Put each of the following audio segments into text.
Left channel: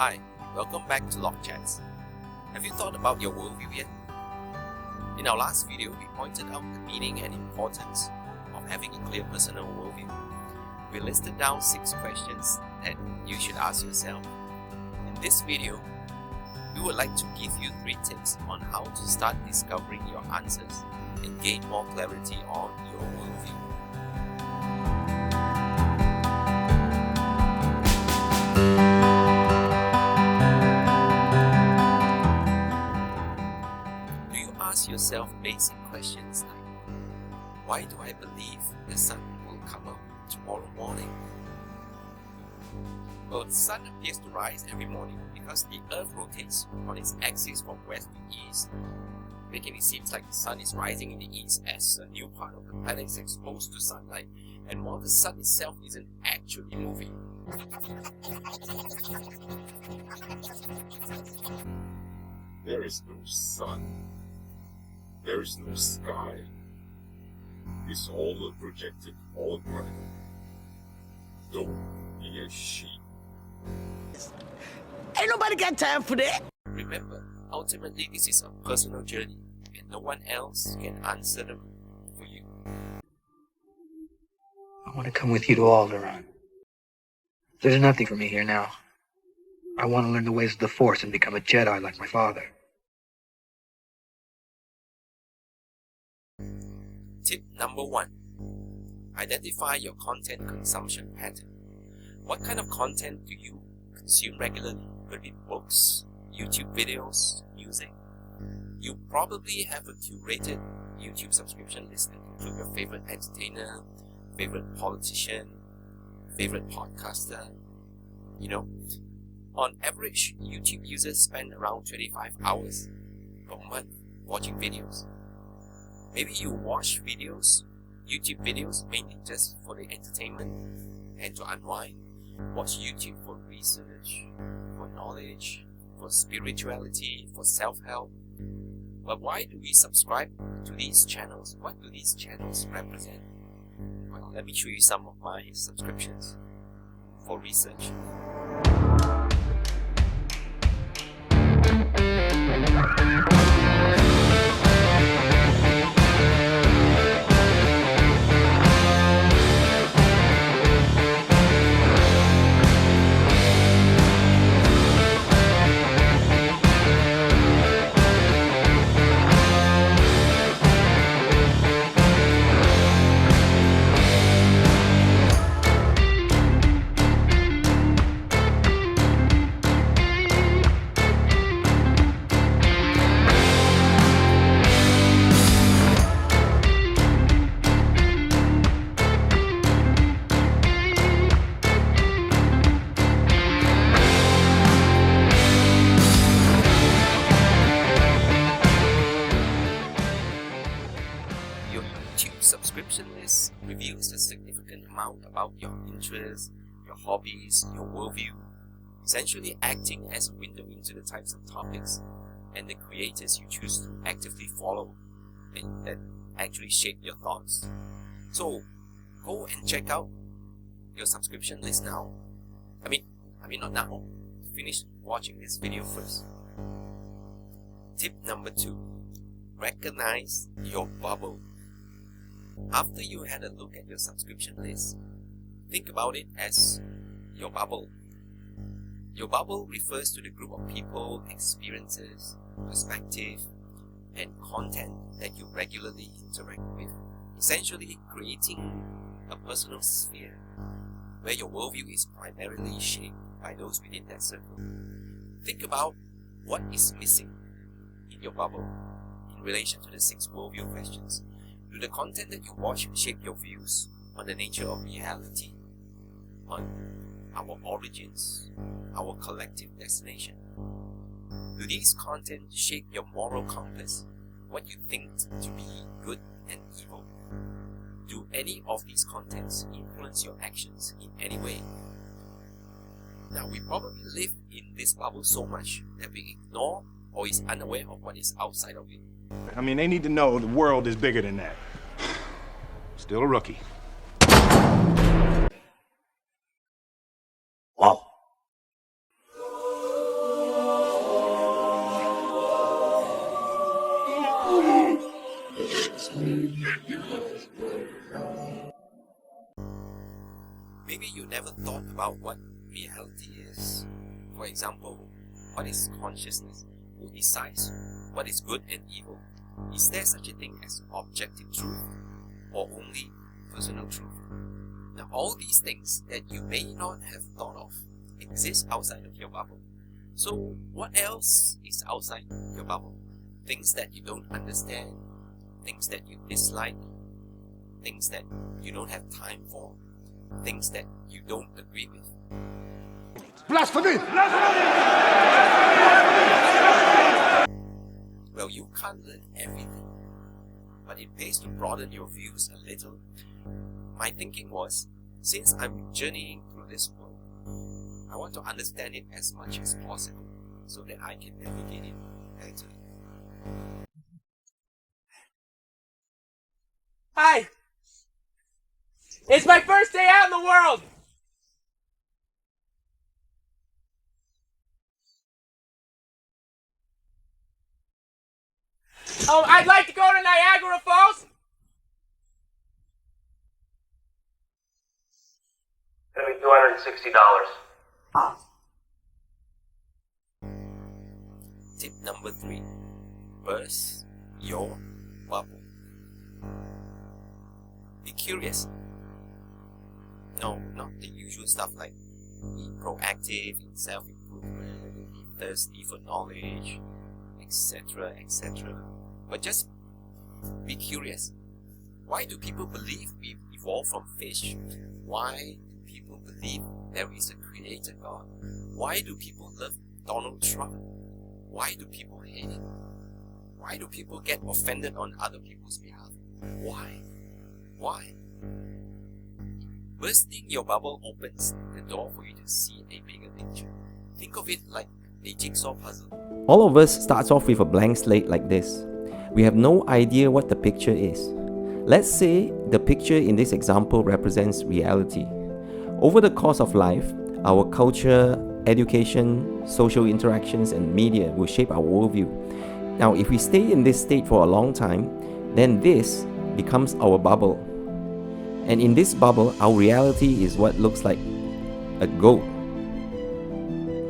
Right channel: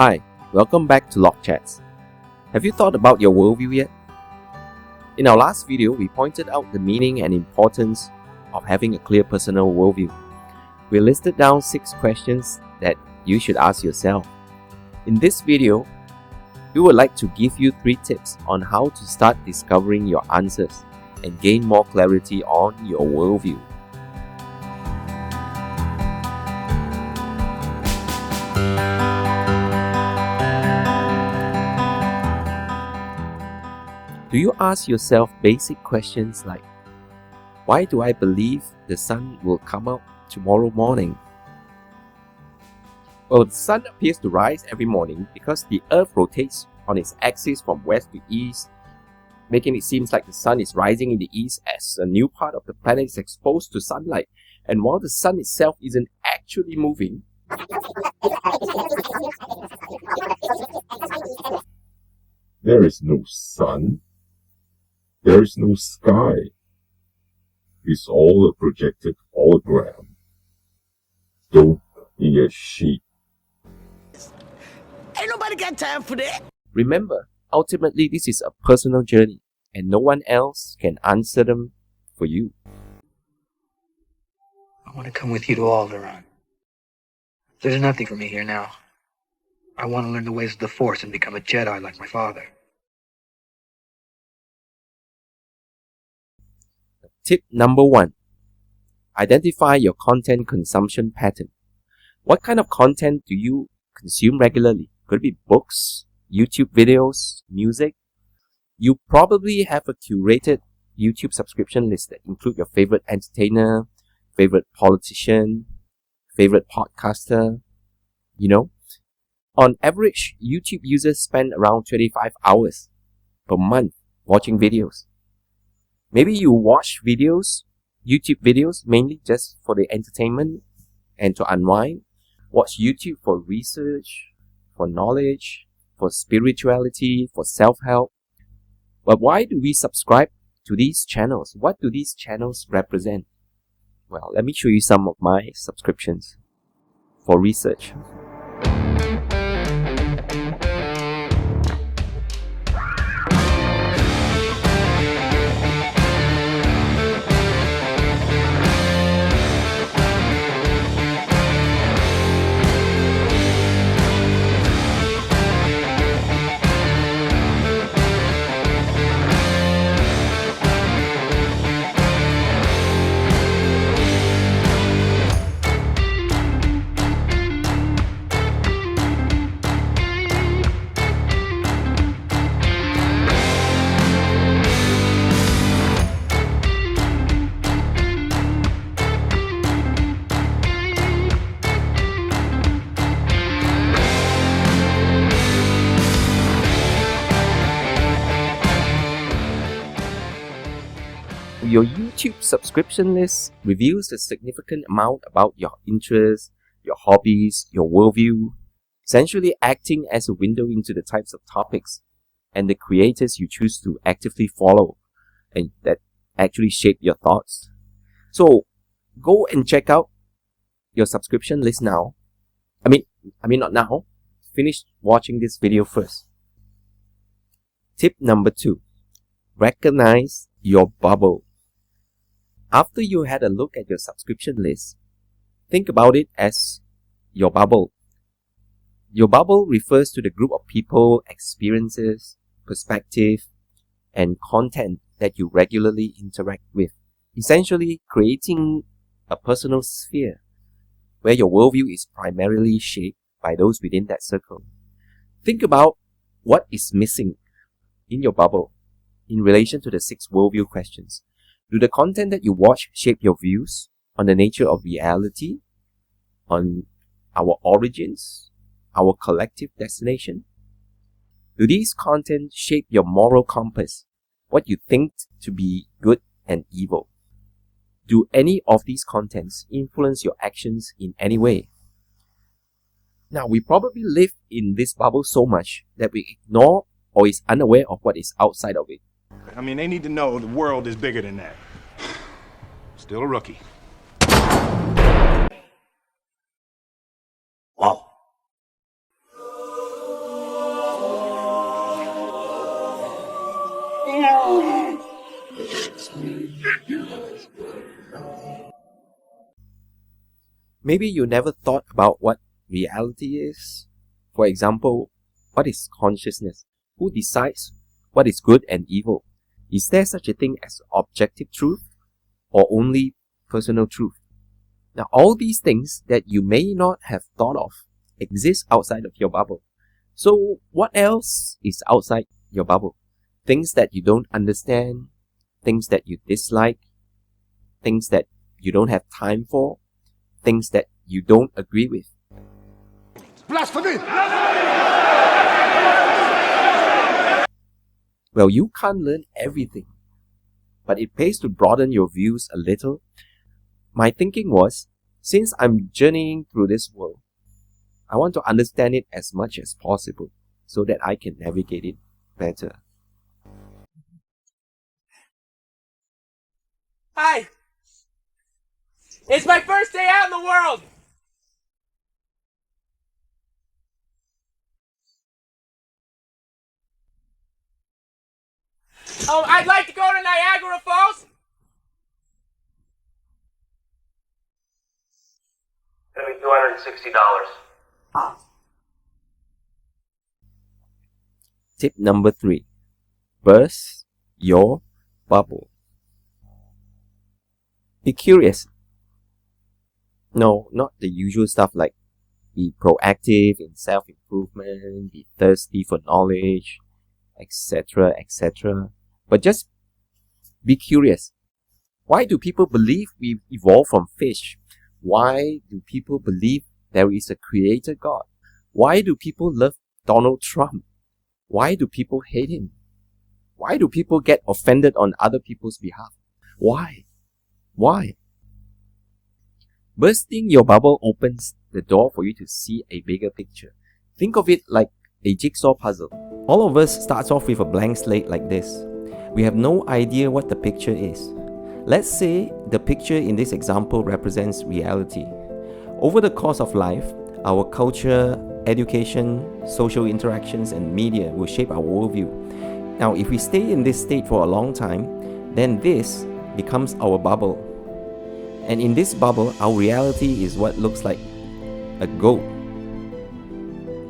Hi, welcome back to Log Chats. Have you thought about your worldview yet? In our last video, we pointed out the meaning and importance of having a clear personal worldview. We listed down 6 questions that you should ask yourself. In this video, we would like to give you 3 tips on how to start discovering your answers and gain more clarity on your worldview. Do you ask yourself basic questions like, why do I believe the sun will come out tomorrow morning? Well, the sun appears to rise every morning because the earth rotates on its axis from west to east, making it seem like the sun is rising in the east as a new part of the planet is exposed to sunlight. And while the sun itself isn't actually moving, there is no sun. There is no sky. It's all a projected hologram. Don't be a sheep. Ain't nobody got time for that. remember, ultimately this is a personal journey and no one else can answer them for you. I want to come with you to Alderaan. There's nothing for me here now. I want to learn the ways of the Force and become a Jedi like my father. Tip number 1. Identify your content consumption pattern. What kind of content do you consume regularly? Could it be books, YouTube videos, music? You probably have a curated YouTube subscription list that include your favorite entertainer, favorite politician, favorite podcaster. On average, YouTube users spend around 25 hours per month watching videos. Maybe you watch YouTube videos mainly just for the entertainment and to unwind. Watch YouTube for research, for knowledge, for spirituality, for self-help. But why do we subscribe to these channels? What do these channels represent? Well, let me show you some of my subscriptions for research. Your YouTube subscription list reveals a significant amount about your interests, your hobbies, your worldview, essentially acting as a window into the types of topics and the creators you choose to actively follow and that actually shape your thoughts. So go and check out your subscription list now. I mean not now. Finish watching this video first. Tip number 2. Recognize your bubble. After you had a look at your subscription list, think about it as your bubble. Your bubble refers to the group of people, experiences, perspective, and content that you regularly interact with, essentially creating a personal sphere where your worldview is primarily shaped by those within that circle. Think about what is missing in your bubble in relation to the 6 worldview questions. Do the content that you watch shape your views on the nature of reality, on our origins, our collective destination? Do these content shape your moral compass, what you think to be good and evil? Do any of these contents influence your actions in any way? Now, we probably live in this bubble so much that we ignore or is unaware of what is outside of it. I mean, they need to know the world is bigger than that. Still a rookie. Wow. Maybe you never thought about what reality is. For example, what is consciousness? Who decides what is good and evil? Is there such a thing as objective truth or only personal truth? Now, all these things that you may not have thought of exist outside of your bubble. So, what else is outside your bubble? Things that you don't understand, things that you dislike, things that you don't have time for, things that you don't agree with. Blasphemy! Well, you can't learn everything, but it pays to broaden your views a little. My thinking was, since I'm journeying through this world, I want to understand it as much as possible so that I can navigate it better. Hi! It's my first day out in the world! Oh, I'd like to go to Niagara Falls! Gonna be $260. Tip number 3. Burst your bubble. Be curious. No, not the usual stuff like be proactive in self-improvement, be thirsty for knowledge, etc., etc. But just be curious. Why do people believe we evolved from fish? Why do people believe there is a creator God? Why do people love Donald Trump? Why do people hate him? Why do people get offended on other people's behalf? Why? Why? Bursting your bubble opens the door for you to see a bigger picture. Think of it like a jigsaw puzzle. All of us starts off with a blank slate like this. We have no idea what the picture is. Let's say the picture in this example represents reality. Over the course of life, our culture, education, social interactions, and media will shape our worldview. Now, if we stay in this state for a long time, then this becomes our bubble. And in this bubble, our reality is what looks like a goat.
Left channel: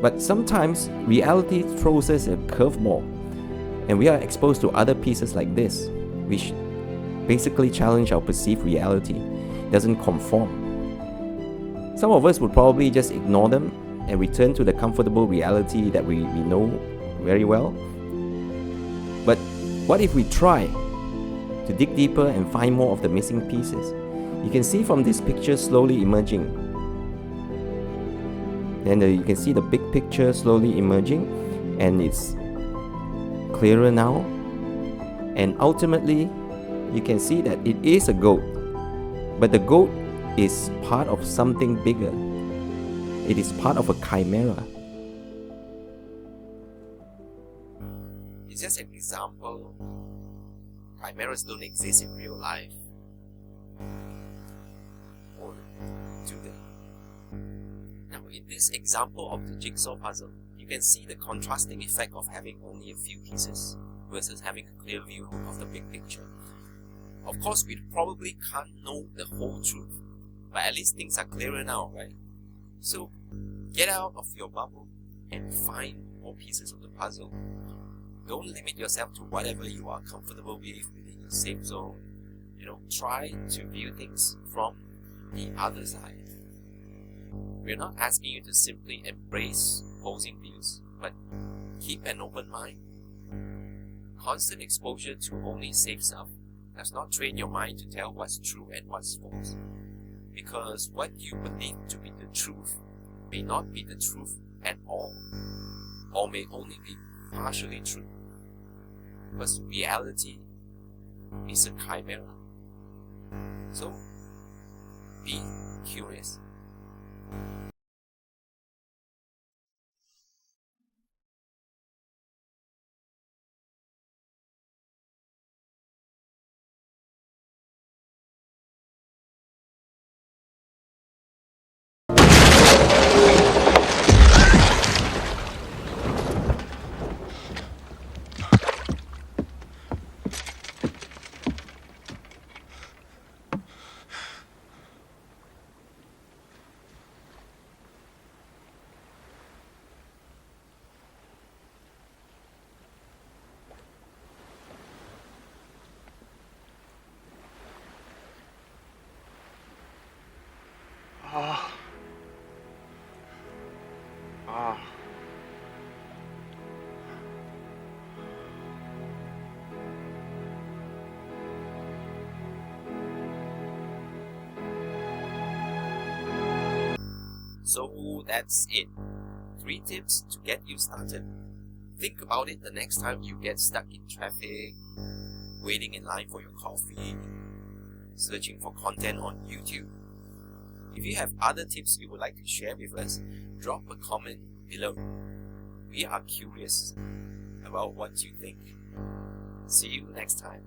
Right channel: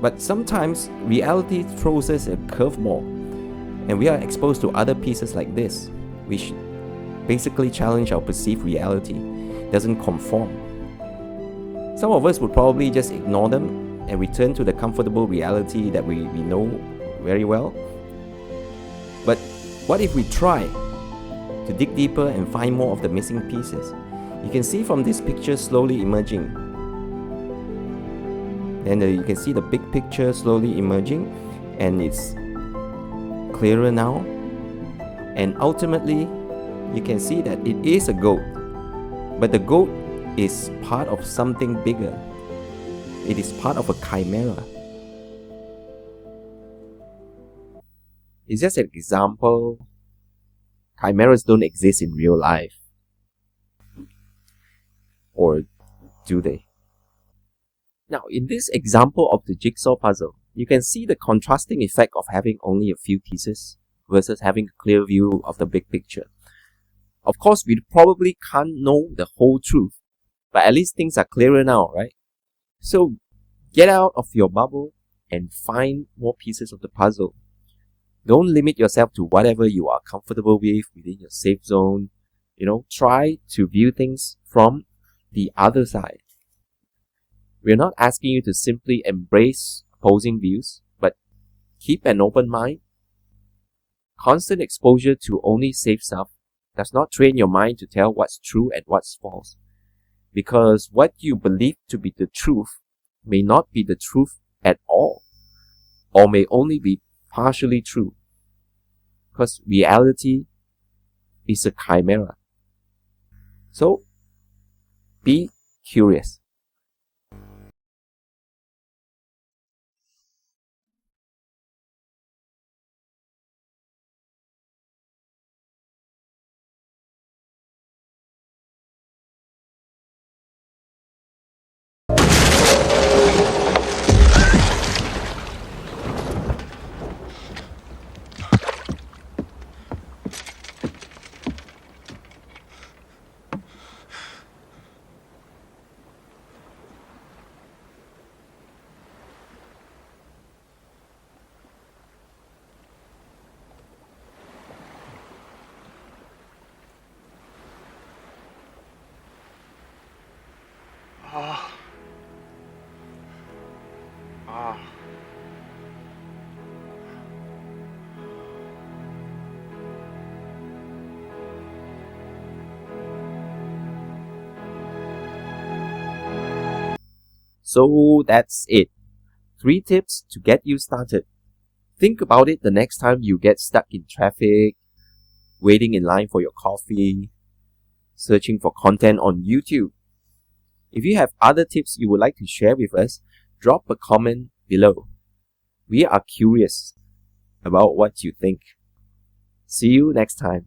But sometimes reality throws us a curveball, and we are exposed to other pieces like this, which basically challenge our perceived reality, doesn't conform. Some of us would probably just ignore them and return to the comfortable reality that we know very well. But what if we try to dig deeper and find more of the missing pieces? You can see from this picture slowly emerging. Then you can see the big picture slowly emerging, and it's clearer now. And ultimately, you can see that it is a goat, but the goat is part of something bigger. It is part of a chimera. It's just an example. Chimeras don't exist in real life. Or do they? Now, in this example of the jigsaw puzzle, you can see the contrasting effect of having only a few pieces versus having a clear view of the big picture. Of course, we probably can't know the whole truth, but at least things are clearer now, right? So, get out of your bubble and find more pieces of the puzzle. Don't limit yourself to whatever you are comfortable with within your safe zone. Try to view things from the other side. We're not asking you to simply embrace opposing views, but keep an open mind. Constant exposure to only safe stuff does not train your mind to tell what's true and what's false. Because what you believe to be the truth may not be the truth at all, or may only be partially true. Because reality is a chimera. So, be curious. Ah. So that's it. 3 tips to get you started. Think about it the next time you get stuck in traffic, waiting in line for your coffee, searching for content on YouTube. If you have other tips you would like to share with us, drop a comment below. We are curious about what you think. See you next time.